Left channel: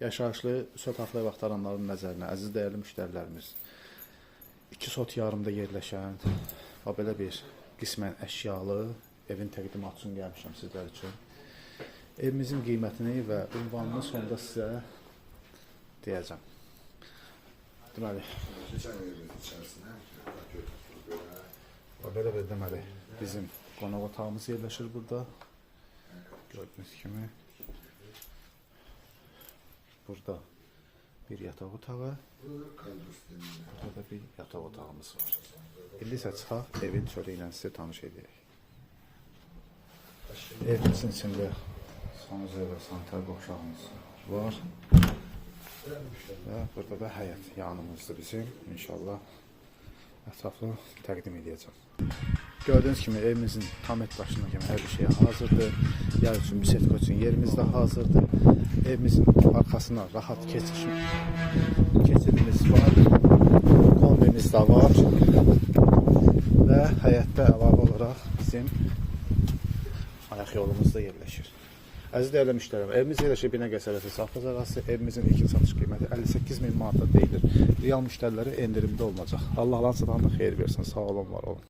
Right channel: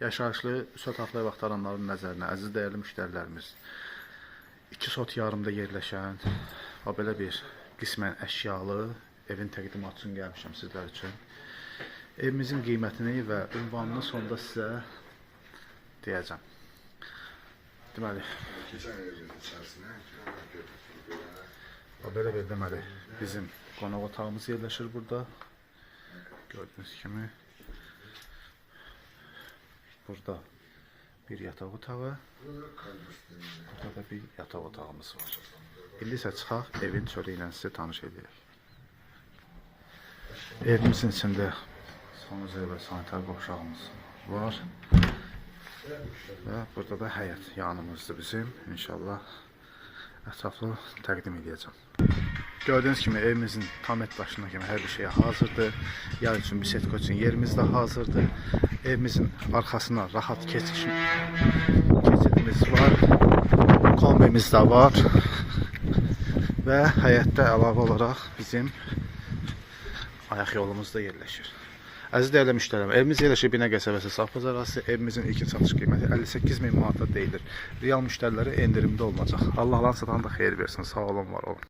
Yaşayışlı Üsət Haqlı vaxtaranların nəzərinə, əziz dəyərli müştərilərimiz, 2 sot yarımda yerləşən və belə bir qismən əşyalı evin təqdimatı üçün gəlmişəm sizlər üçün. Evimizin qiymətini və ünvanını sonda sizə deyəcəm. Deməli, belə bir deməli, bizim qonaq otağımız yerləşir burada. Gördüyünüz kimi. Burada bir yataq otağı, burada da bir yataq otağımız var. İndi isə çıxaq, evin çölü ilə sizə tanış edəyək. Evimizin içində sanuzel və sanitar qovşağımız var. Və burada da həyət yanımızdır bizim. İnşallah ətraflı təqdim edəcəm. Gördüyünüz kimi evimizin tam et başına kimi hər bir şey hazırdır. Yer üçün, bisetko üçün yerimiz də hazırdır. Evimizin arxasına rahat keçidimiz var. Kombimiz də var. Və həyətdə əlavə olaraq bizim ayaq yolumuz da yerləşir. Əziz dəyərli müştərilər, evimiz yerləşir Binəqədi qəsəbəsi Safxoz ərazisi. Evimizin ilkin satış qiyməti 58.000 manata deyilir. Real müştərilərə endirimdə olunacaq. Allah lan satanda xeyir versin. Sağ olun, var olun.